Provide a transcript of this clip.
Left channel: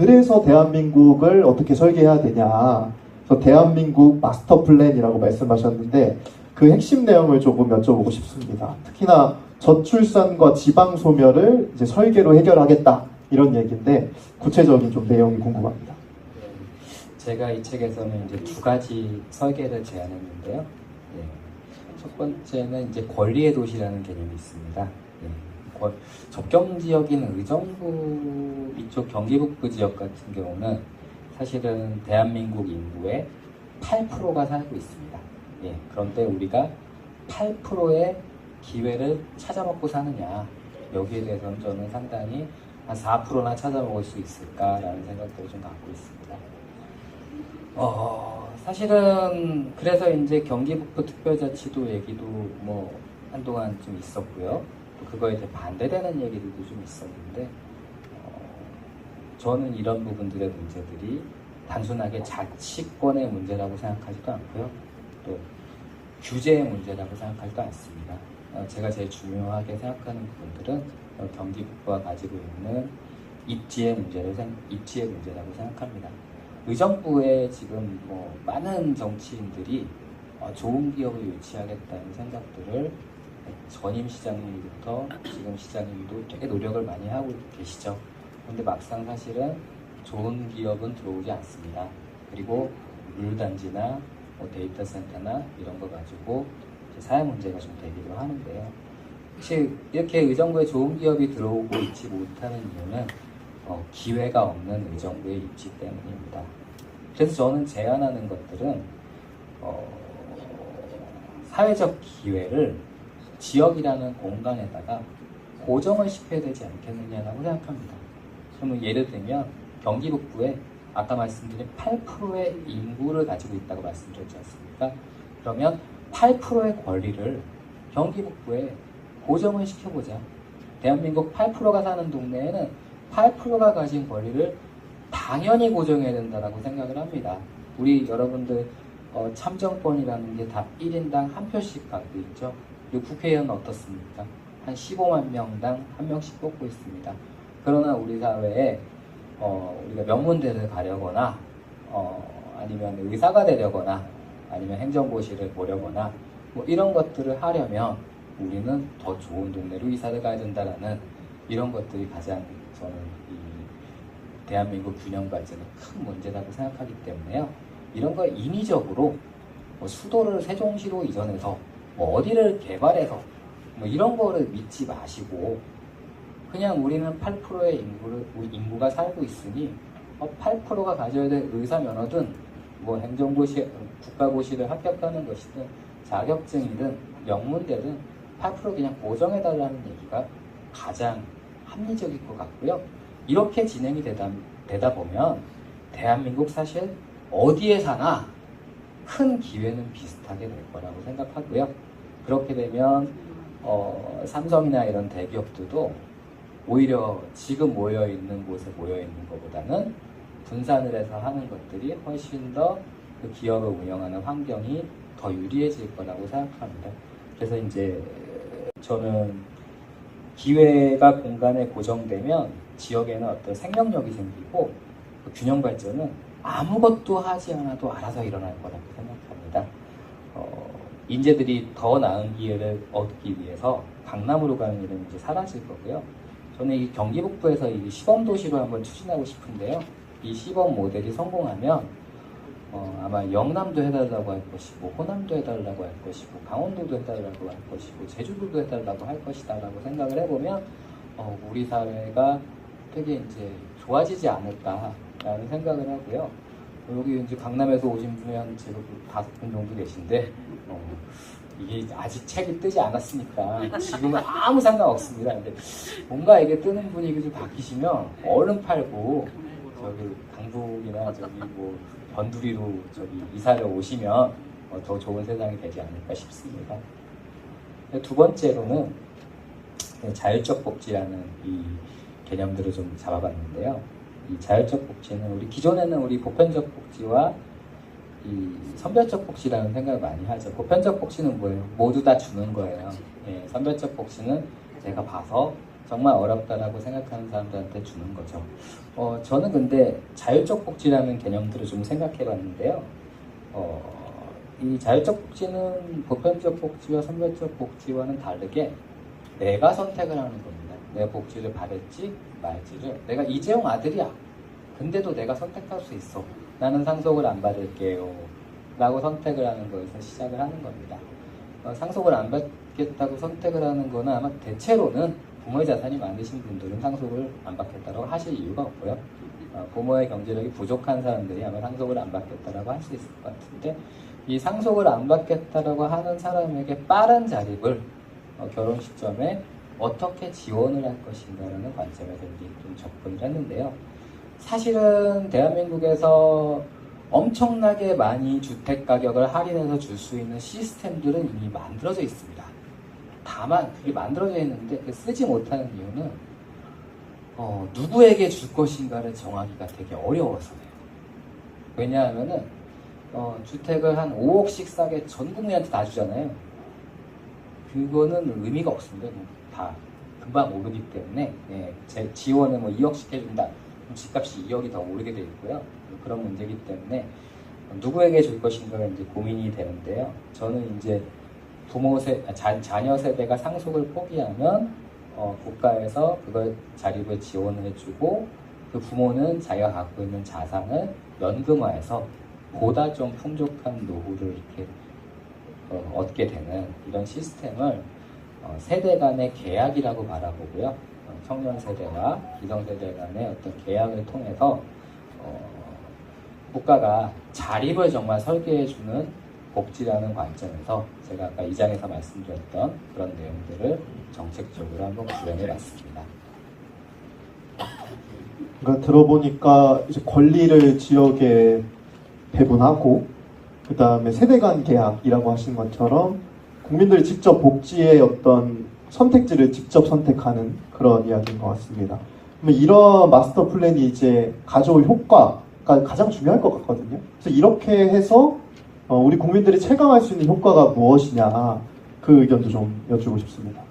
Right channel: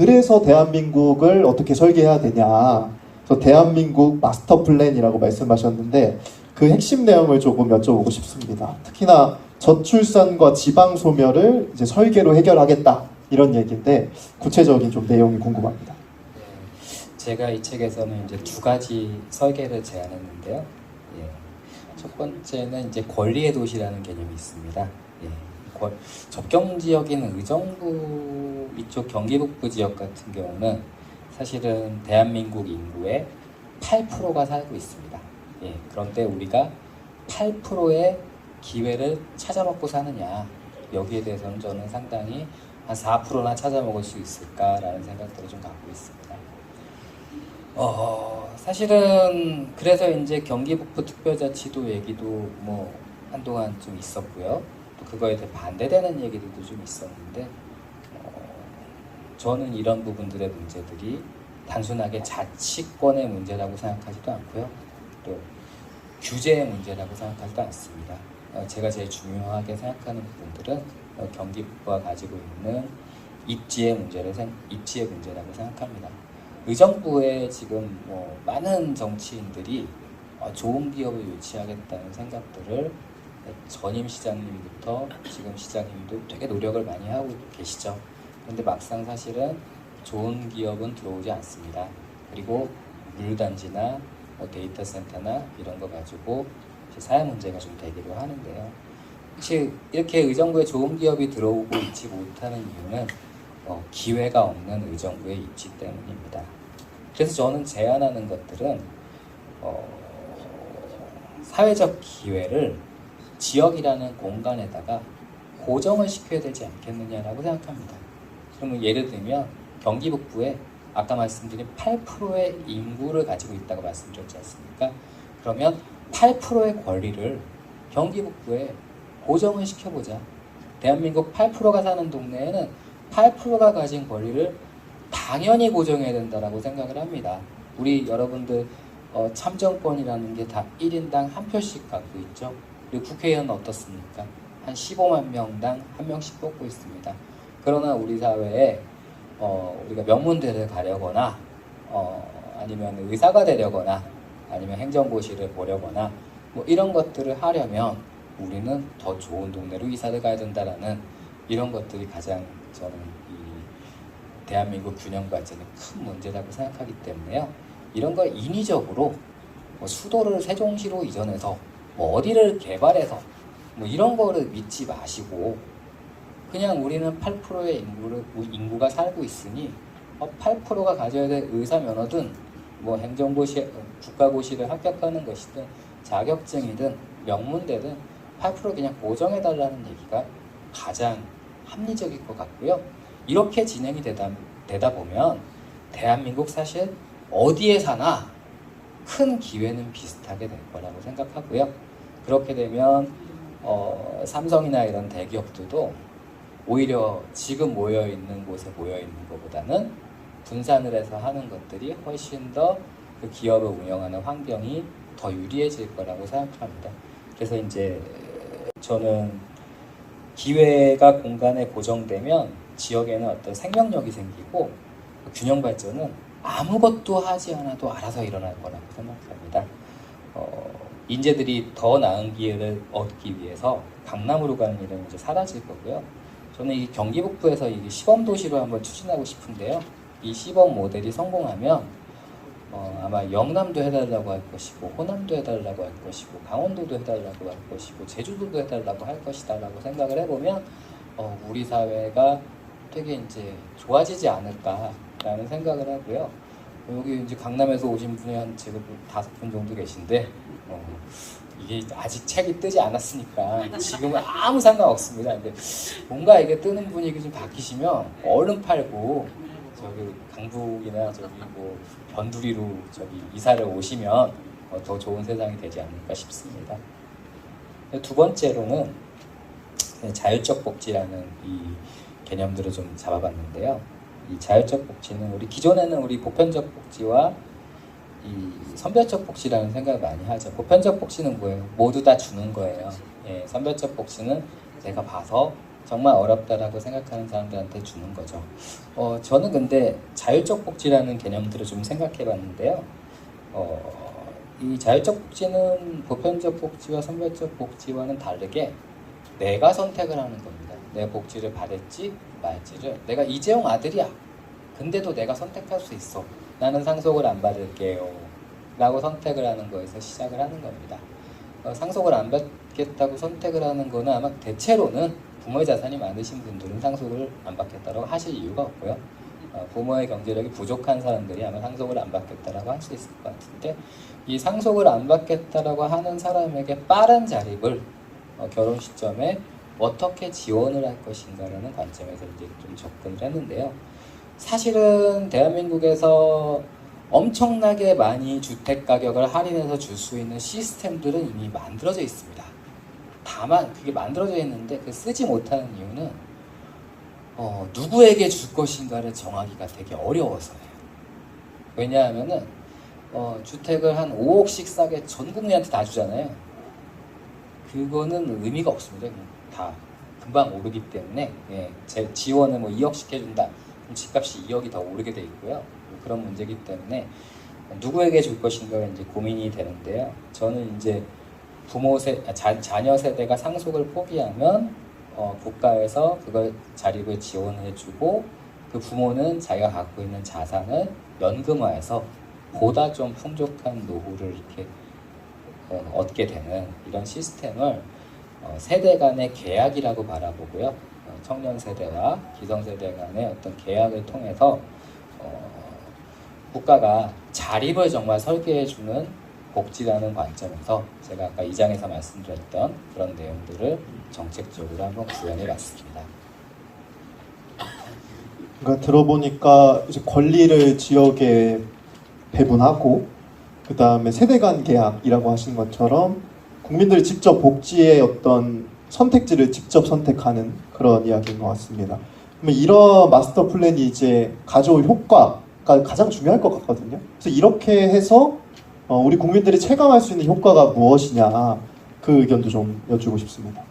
그래서 대한민국을 어떻게 설계해야 되냐. 그래서 대한민국 마스터 플랜이라고 말씀하셨는데 그 핵심 내용을 조금 여쭤보고 싶습니다. 특히나 저출산과 지방 소멸을 이제 설계로 해결하겠다 이런 얘기인데 구체적인 좀 내용이 궁금합니다. 제가 이 책에서는 이제 두 가지 설계를 제안했는데요. 예. 첫 번째는 이제 권리의 도시라는 개념이 있습니다. 예. 접경 지역인 의정부 이쪽 경기 북부 지역 같은 경우는 사실은 대한민국 인구의 8%가 살고 있습니다. 예. 그런데 우리가 8%의 기회를 찾아먹고 사느냐, 여기에 대해서는 저는 상당히 한 4%나 찾아먹을 수 있을까라는 생각들을 좀 갖고 있습니다. 사실은 그래서 이제 경기 북부 특별자치도 얘기도 뭐 한동안 좀 있었고요. 또 그거에 대해 반대되는 얘기들도 좀 있었는데, 저는 이런 부분들의 문제들이 단순하게 자치권의 문제라고 생각하지도 않고요. 또 규제의 문제라고 생각하지도 않습니다. 제가 제일 중요하게 생각하는 부분들은 경기 북부가 가지고 있는 입지의 문제라고 생각합니다. 의정부에 지금 뭐 많은 정치인들이 좋은 기업을 유치하겠다는 생각들을 전임 시장님부터 지금 시장님도 되게 노력을 많이 하고 계시죠. 그런데 막상 사실은 좋은 기업은 들어오지 않습니다. 그리고 물류단지나 데이터 센터나 이런 거 가지고 사회 문제가 좀 되기도 하는데요. 혹시 이렇게 의정부에 좋은 기업이 들어오고 있지 못하는 이유는 기회가 없는 의정부의 입지 때문입니다. 그래서 저는 제안하는 것들은 사회적 기회를 지역이라는 공간에다가 고정을 시켜야 되지 않겠느냐라고 생각합니다. 그럼 예를 들면 경기 북부에 아까 말씀드린 8%의 인구를 가지고 있다고 말씀드렸지 않습니까? 그러면 8%의 권리를 경기 북부에 고정을 시켜보자. 대한민국 8%가 사는 동네에는 8%가 가진 권리를 당연히 고정해야 된다고 생각을 합니다. 우리 여러분들 참정권이라는 게 다 1인당 한 표씩 갖고 있죠. 우리 국회의원은 어떻습니까? 한 15만 명당 한 명씩 뽑고 있습니다. 그러나 우리 사회에 우리가 명문대를 가려거나 아니면 의사가 되려거나 아니면 행정고시를 보려거나 뭐 이런 것들을 하려면 우리는 더 좋은 동네로 이사를 가야 된다라는 이런 것들이 가장 저는 이 대한민국 균형 발전의 큰 문제라고 생각하기 때문에요. 이런 거 인위적으로 뭐 수도를 세종시로 이전해서 뭐 어디를 개발해서 뭐 이런 거를 믿지 마시고 그냥 우리는 8%의 인구가 살고 있으니 8%가 가져야 될 의사 면허든 뭐 행정고시, 국가고시를 합격하는 것이든 자격증이든 명문대든 8% 그냥 고정해달라는 얘기가 가장 합리적일 것 같고요. 이렇게 진행이 되다 보면 대한민국 사실 어디에 사나 큰 기회는 비슷하게 될 거라고 생각하고요. 그렇게 되면 삼성이나 이런 대기업들도 오히려 지금 모여있는 곳에 모여있는 것보다는 분산을 해서 하는 것들이 훨씬 더 그 기업을 운영하는 환경이 더 유리해질 거라고 생각합니다. 그래서 이제 저는 기회가 공간에 고정되면 지역에는 어떤 생명력이 생기고 균형 발전은 아무것도 하지 않아도 알아서 일어날 거라고 생각합니다. 인재들이 더 나은 기회를 얻기 위해서 강남으로 가는 일은 이제 사라질 거고요. 저는 이 경기 북부에서 이 시범도시로 한번 추진하고 싶은데요. 이 시범 모델이 성공하면 아마 영남도 해달라고 할 것이고 호남도 해달라고 할 것이고 강원도도 해달라고 할 것이고 제주도도 해달라고 할 것이다라고 생각을 해보면 우리 사회가 되게 이제 좋아지지 않을까라는 생각을 하고요. 여기 이제 강남에서 오신 분이 한 지금 5분 정도 계신데 이게 아직 책이 뜨지 않았으니까 지금은 아무 상관 없습니다. 근데 뭔가 이게 뜨는 분위기 좀 바뀌시면 얼른 팔고 저기 강북이나 저기 뭐 변두리로 저기 이사를 오시면 더 좋은 세상이 되지 않을까 싶습니다. 두 번째로는 자율적 복지라는 이 개념들을 좀 잡아봤는데요. 이 자율적 복지는 우리 기존에는 우리 보편적 복지와 이 선별적 복지라는 생각을 많이 하죠. 보편적 복지는 뭐예요? 모두 다 주는 거예요. 예, 선별적 복지는 내가 봐서 정말 어렵다라고 생각하는 사람들한테 주는 거죠. 저는 근데 자율적 복지라는 개념들을 좀 생각해 봤는데요. 이 자율적 복지는 보편적 복지와 선별적 복지와는 다르게 내가 선택을 하는 겁니다. 내 복지를 받을지 말지를. 내가 이재용 아들이야. 근데도 내가 선택할 수 있어. 나는 상속을 안 받을게요. 라고 선택을 하는 거에서 시작을 하는 겁니다. 상속을 안 받겠다고 선택을 하는 거는 아마 대체로는 부모의 자산이 많으신 분들은 상속을 안 받겠다고 하실 이유가 없고요. 부모의 경제력이 부족한 사람들이 아마 상속을 안 받겠다라고 할 수 있을 것 같은데, 이 상속을 안 받겠다라고 하는 사람에게 빠른 자립을 결혼 시점에 어떻게 지원을 할 것인가라는 관점에서 이제 좀 접근을 했는데요. 사실은 대한민국에서 엄청나게 많이 주택 가격을 할인해서 줄 수 있는 시스템들은 이미 만들어져 있습니다. 다만 그게 만들어져 있는데 그 쓰지 못하는 이유는 누구에게 줄 것인가를 정하기가 되게 어려워서예요. 왜냐하면은 주택을 한 5억씩 싸게 전 국민한테 다 주잖아요. 그거는 의미가 없습니다. 다 금방 오르기 때문에 제 지원을 뭐 2억씩 해준다. 그럼 집값이 2억이 더 오르게 돼 있고요. 그런 문제이기 때문에 누구에게 줄 것인가 이제 고민이 되는데요. 저는 이제 자녀 세대가 상속을 포기하면 국가에서 그걸 자립을 지원해주고 그 부모는 자기가 갖고 있는 자산을 연금화해서 보다 좀 풍족한 노후를 이렇게 얻게 되는 이런 시스템을 세대 간의 계약이라고 바라보고요. 청년 세대와 기성 세대 간의 어떤 계약을 통해서 국가가 자립을 정말 설계해주는 복지라는 관점에서 제가 아까 2장에서 말씀드렸던 그런 내용들을 정책적으로 한번 구현해 봤습니다. 그러니까 들어보니까 이제 권리를 지역에 배분하고 그 다음에 세대 간 계약이라고 하신 것처럼 국민들이 직접 복지의 어떤 선택지를 직접 선택하는 그런 이야기인 것 같습니다. 그러면 이런 마스터 플랜이 이제 가져올 효과가 가장 중요할 것 같거든요. 그래서 이렇게 해서 우리 국민들이 체감할 수 있는 효과가 무엇이냐 그 의견도 좀 여쭈고 싶습니다.